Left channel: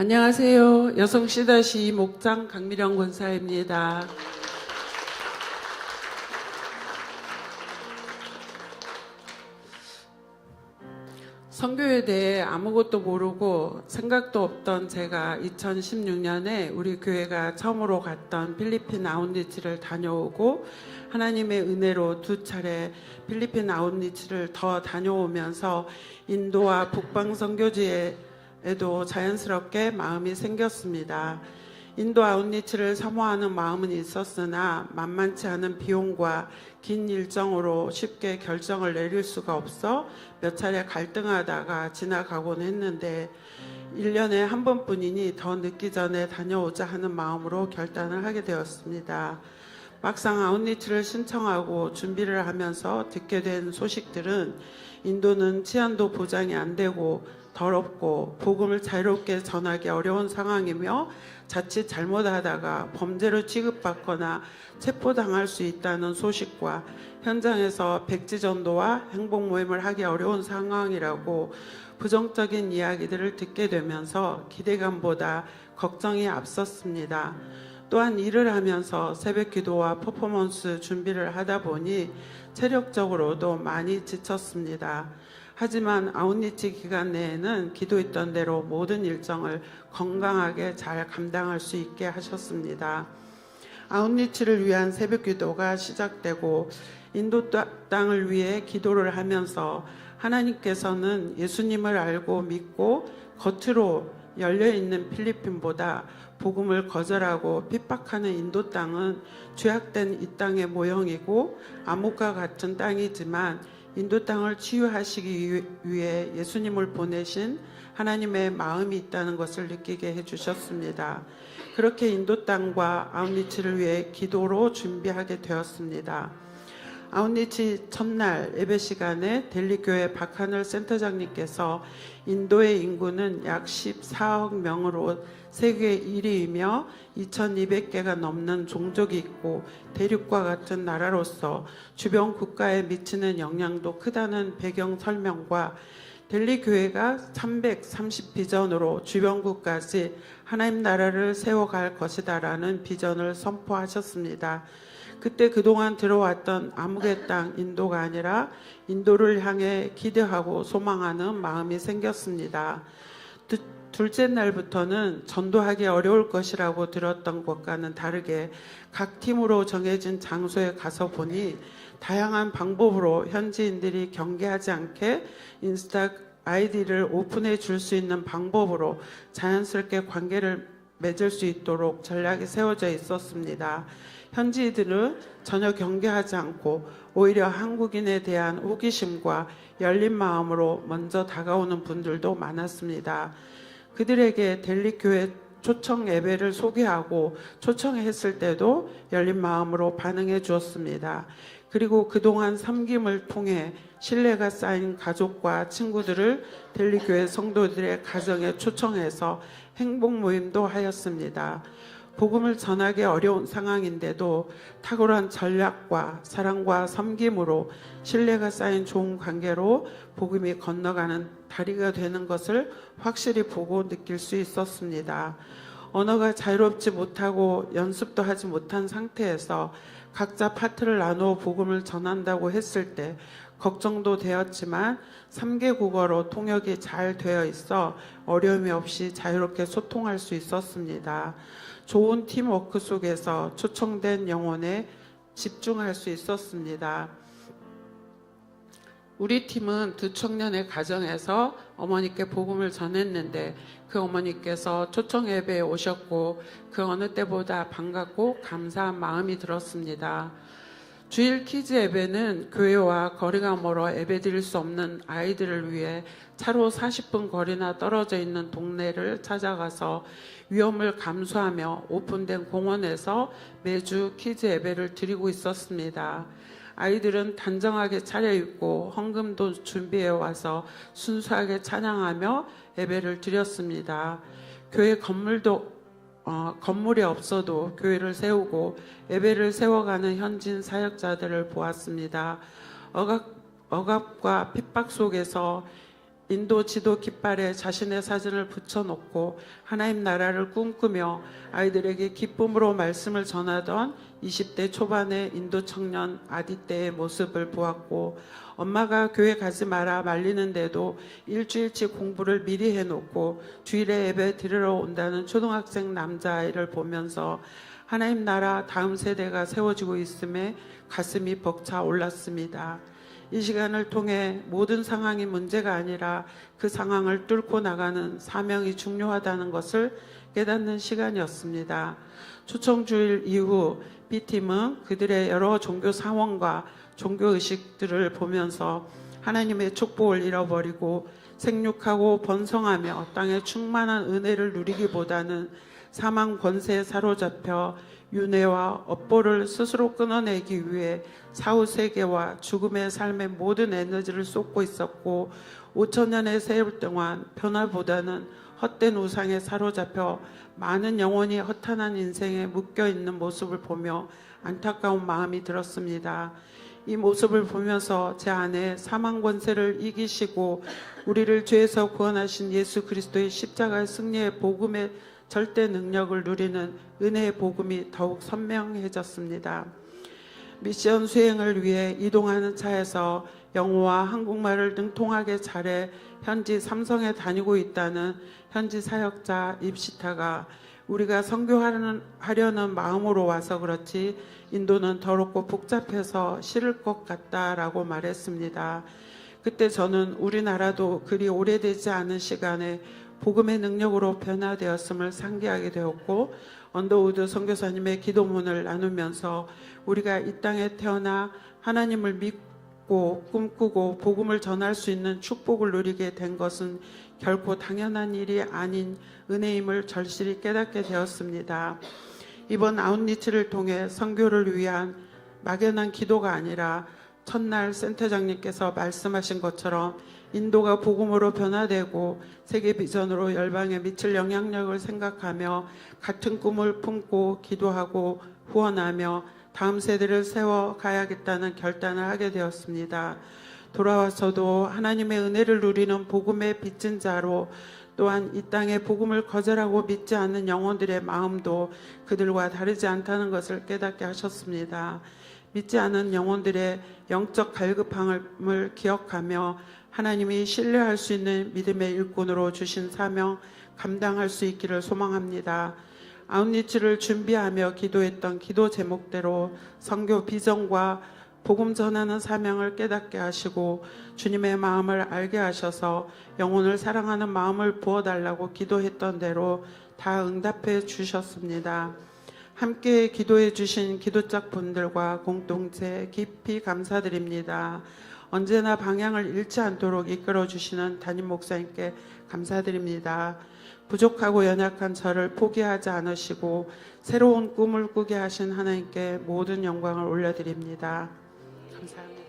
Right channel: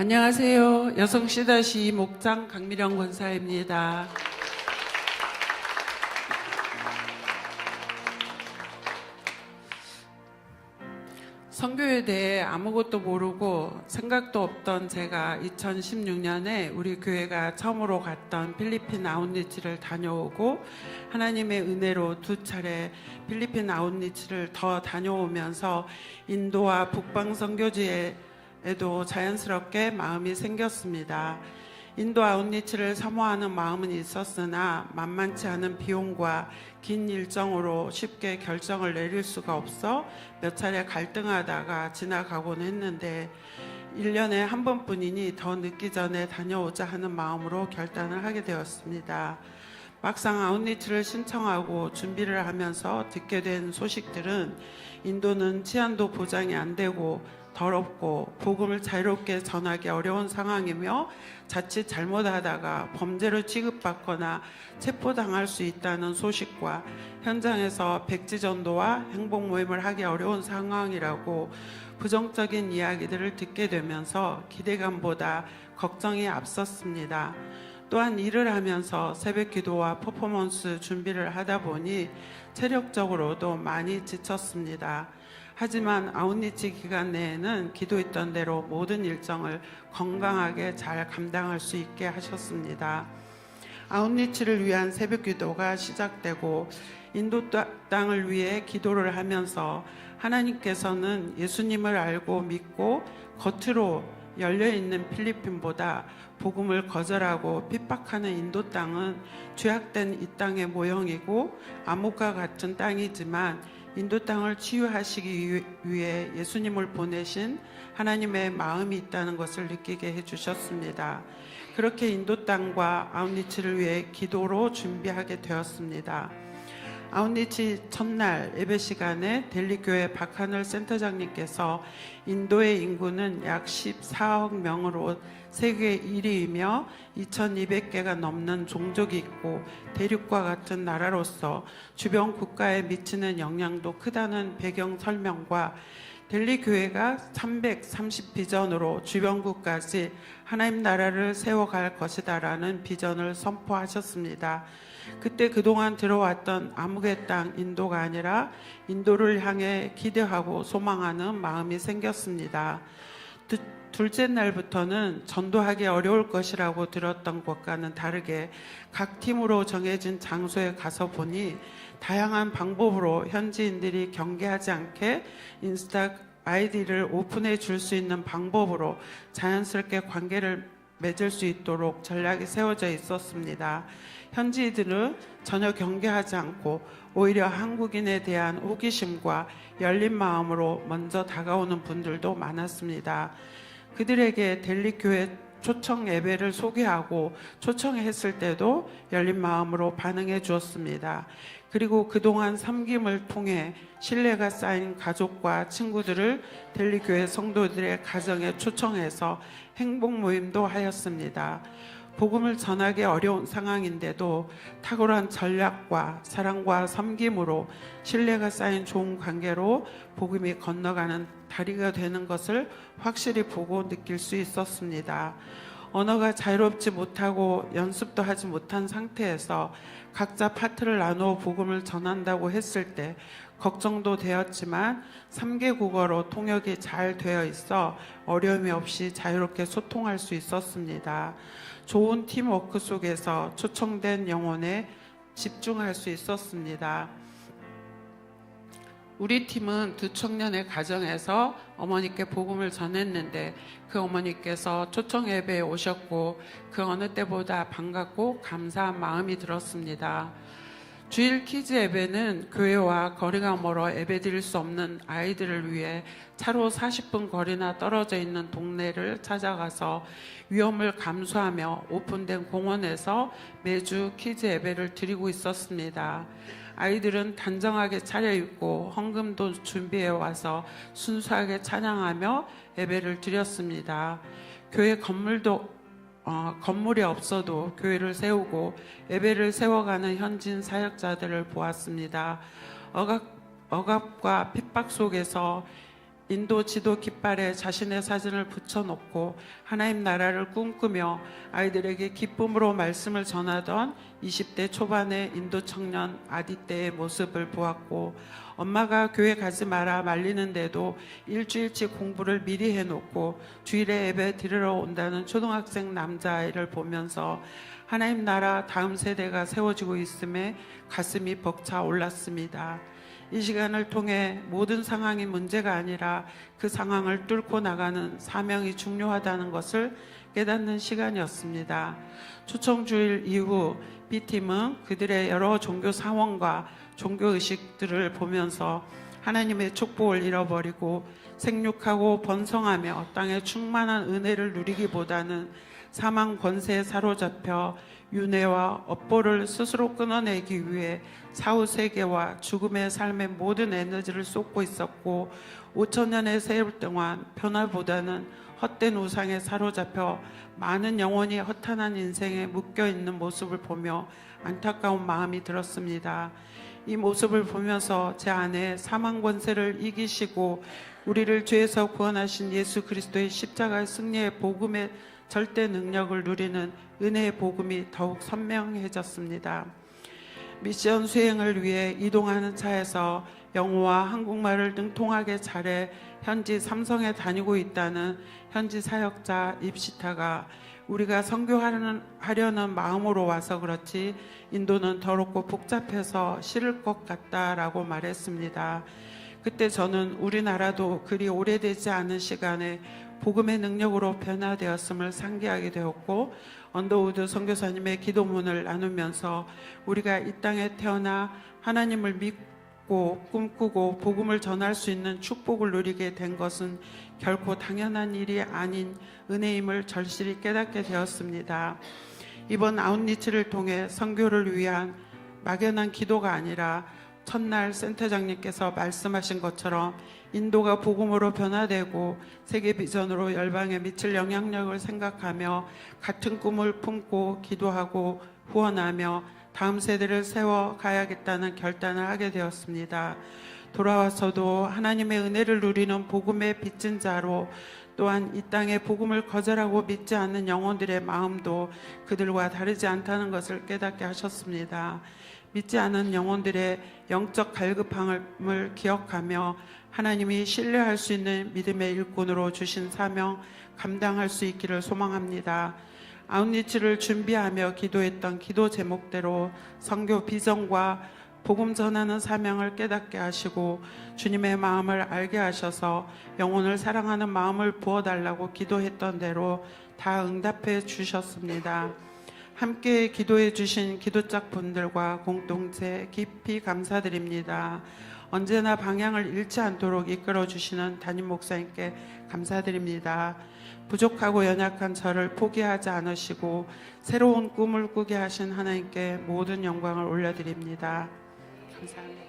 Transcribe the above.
안녕하세요. 여성 C-2 목장 강미령 권사입니다. 선교에 대해 아무것도 모르고 생각도 없던 제가 2016년에 우리 교회가 처음으로 갔던 필리핀 아웃리치를 다녀오고 하나님의 은혜로 두 차례 필리핀 아웃리치를 더 다녀오면서 인도와 북방 선교지에도 자연스럽게 마음이 생겼습니다. 인도 아웃리치를 사모하는 마음은 있었으나 만만치 않은 비용과 긴 일정으로 쉽게 결정을 내릴 수가 없어 몇 차례 갈등하다가 지나가곤 했는데 1년에 한 번뿐이니 더 늦기 전에 다녀오자 하는 마음으로 결단을 하게 되었습니다. 막상 아웃리치를 신청하고 준비를 하면서 듣게 된 소식들은 인도는 치안도 보장이 안 되고 더럽고 복음을 자유롭게 전하기 어려운 상황이며 자칫 잘못하다가 범죄로 취급받거나 체포당할 수 있다는 소식과 현장에서 백지전도와 행복모임을 하기 어려운 상황이라고 부정적인 이야기들을 듣게 되면서 기대감보다 걱정이 앞섰습니다. 또한 일을 하면서 새벽기도와 퍼포먼스 준비를 하다 보니 체력적으로도 많이 지쳤습니다. 하지만 아웃리치 기간 내에는 기도했던 대로 모든 일정을 건강하게 잘 감당할 수 있게 하셨습니다. 아웃리치를 위한 새벽기도가 시작되고 인도 땅을 위해 기도를 하면서 하나님께서는 예수님을 알고 믿고 겉으로 열려있는 필리핀보다 복음을 거절하고 핍박하는 인도 땅은 죄악된 이 땅의 모형이고 암흑과 같은 땅이지만 인도 땅을 치유하시기 위해 예수님을 보내신 하나님의 마음이 있다는 것을 느끼게 해주셨습니다. 그렇게 인도 땅과 아웃리치를 위해 기도로 준비하게 되었습니다. 아웃리치 첫날 예배 시간에 델리교회 박하늘 센터장님께서 인도의 인구는 약 14억 명으로 세계 1위이며 2200개가 넘는 종족이 있고 대륙과 같은 나라로서 주변 국가에 미치는 영향도 크다는 배경 설명과 델리 교회가 330 비전으로 주변국까지 하나님 나라를 세워갈 것이다라는 비전을 선포하셨습니다. 그때 그동안 들어왔던 암흑의 땅 인도가 아니라 인도를 향해 기대하고 소망하는 마음이 생겼습니다. 둘째 날부터는 전도하기 어려울 것이라고 들었던 것과는 다르게 각 팀으로 정해진 장소에 가서 보니 다양한 방법으로 현지인들이 경계하지 않게 인스타 아이디를 오픈해 줄 수 있는 방법으로 자연스럽게 관계를 맺을 수 있도록 전략이 세워져 있었습니다. 현지인들은 전혀 경계하지 않고 오히려 한국인에 대한 호기심과 열린 마음으로 먼저 다가오는 분들도 많았습니다. 그들에게 델리교회 초청 예배를 소개하고 초청했을 때도 열린 마음으로 반응해 주었습니다. 그리고 그동안 섬김을 통해 신뢰가 쌓인 가족과 친구들을 델리교회 성도들의 가정에 초청해서 행복 모임도 하였습니다. 복음을 전하기 어려운 상황인데도 탁월한 전략과 사랑과 섬김으로 신뢰가 쌓인 좋은 관계로 복음이 건너가는 다리가 되는 것을 확실히 보고 느낄 수 있었습니다. 언어가 자유롭지 못하고 연습도 하지 못한 상태에서 각자 파트를 나누어 복음을 전한다고 했을 때 걱정도 되었지만 3개 국어로 통역이 잘 되어 있어 어려움이 없이 자유롭게 소통할 수 있었습니다. 좋은 팀워크 속에서 초청된 영혼에 집중할 수 있었습니다. 우리 팀은 두 청년의 가정에서 어머니께 복음을 전했는데 그 어머니께서 초청 예배에 오셨고 그 어느 때보다 반갑고 감사한 마음이 들었습니다. 주일 키즈 예배는 교회와 거리가 멀어 예배 드릴 수 없는 아이들을 위해 차로 40분 거리나 떨어져 있는 동네를 찾아가서 위험을 감수하며 오픈된 공원에서 매주 키즈 예배를 드리고 있었습니다. 아이들은 단정하게 차려입고 헌금도 준비해 와서 순수하게 찬양하며 예배를 드렸습니다. 교회 건물이 없어도 교회를 세우고 예배를 세워가는 현진 사역자들을 보았습니다. 억압과 핍박 속에서 인도 지도 깃발에 자신의 사진을 붙여놓고 하나님 나라를 꿈꾸며 아이들에게 기쁨으로 말씀을 전하던 20대 초반의 인도 청년 아디떼의 모습을 보았고, 엄마가 교회 가지 마라 말리는데도 일주일치 공부를 미리 해놓고 주일에 예배 드리러 온다는 초등학생 남자아이를 보면서 하나님 나라 다음 세대가 세워지고 있음에 가슴이 벅차 올랐습니다. 이 시간을 통해 모든 상황이 문제가 아니라 그 상황을 뚫고 나가는 사명이 중요하다는 것을 깨닫는 시간이었습니다. 초청주일 이후 B팀은 그들의 여러 종교 상황과 종교의식들을 보면서 하나님의 축복을 잃어버리고 생육하고 번성하며 땅의 충만한 은혜를 누리기보다는 사망 권세에 사로잡혀 윤회와 업보를 스스로 끊어내기 위해 사후세계와 죽음의 삶의 모든 에너지를 쏟고 있었고, 5천년의 세월 동안 변화보다는 헛된 우상에 사로잡혀 많은 영혼이 허탄한 인생에 묶여있는 모습을 보며 안타까운 마음이 들었습니다. 이 모습을 보면서 제 안에 사망 권세를 이기시고 우리를 죄에서 구원하신 예수 그리스도의 십자가의 승리의 복음의 절대 능력을 누리는 은혜의 복음이 더욱 선명해졌습니다. 미션 수행을 위해 이동하는 차에서 영어와 한국말을 능통하게 잘해 현지 삼성에 다니고 있다는 현지 사역자 입시타가 우리가 선교하려는 마음으로 와서 그렇지 인도는 더럽고 복잡해서 싫을 것 같다라고 말했습니다. 그때 저는 우리나라도 그리 오래되지 않은 시간에 복음의 능력으로 변화되었음을 상기하게 되었고, 언더우드 선교사님의 기도문을 나누면서 우리가 이 땅에 태어나 하나님을 믿고 꿈꾸고 복음을 전할 수 있는 축복을 누리게 된 것은 결코 당연한 일이 아닌 은혜임을 절실히 깨닫게 되었습니다. 이번 아웃리치를 통해 선교를 위한 막연한 기도가 아니라 첫날 센터장님께서 말씀하신 것처럼 인도가 복음으로 변화되고 세계 비전으로 열방에 미칠 영향력을 생각하며 같은 꿈을 품고 기도하고 후원하며 다음 세대를 세워가야겠다는 결단을 하게 되었습니다. 돌아와서도 하나님의 은혜를 누리는 복음의 빚진 자로, 또한 이 땅에 복음을 거절하고 믿지 않는 영혼들의 마음도 그들과 다르지 않다는 것을 깨닫게 하셨습니다. 믿지 않은 영혼들의 영적 갈급함을 기억하며 하나님이 신뢰할 수 있는 믿음의 일꾼으로 주신 사명 감당할 수 있기를 소망합니다. 아웃리치를 준비하며 기도했던 기도 제목대로 선교 비전과 복음 전하는 사명을 깨닫게 하시고 주님의 마음을 알게 하셔서 영혼을 사랑하는 마음을 부어달라고 기도했던 대로 다 응답해 주셨습니다. 함께 기도해 주신 기도짝 분들과 공동체 깊이 감사드립니다. 언제나 방향을 잃지 않도록 이끌어 주시는 담임 목사님께 감사드립니다. 부족하고 연약한 저를 포기하지 않으시고 새로운 꿈을 꾸게 하신 하나님께 모든 영광을 올려드립니다. 감사합니다.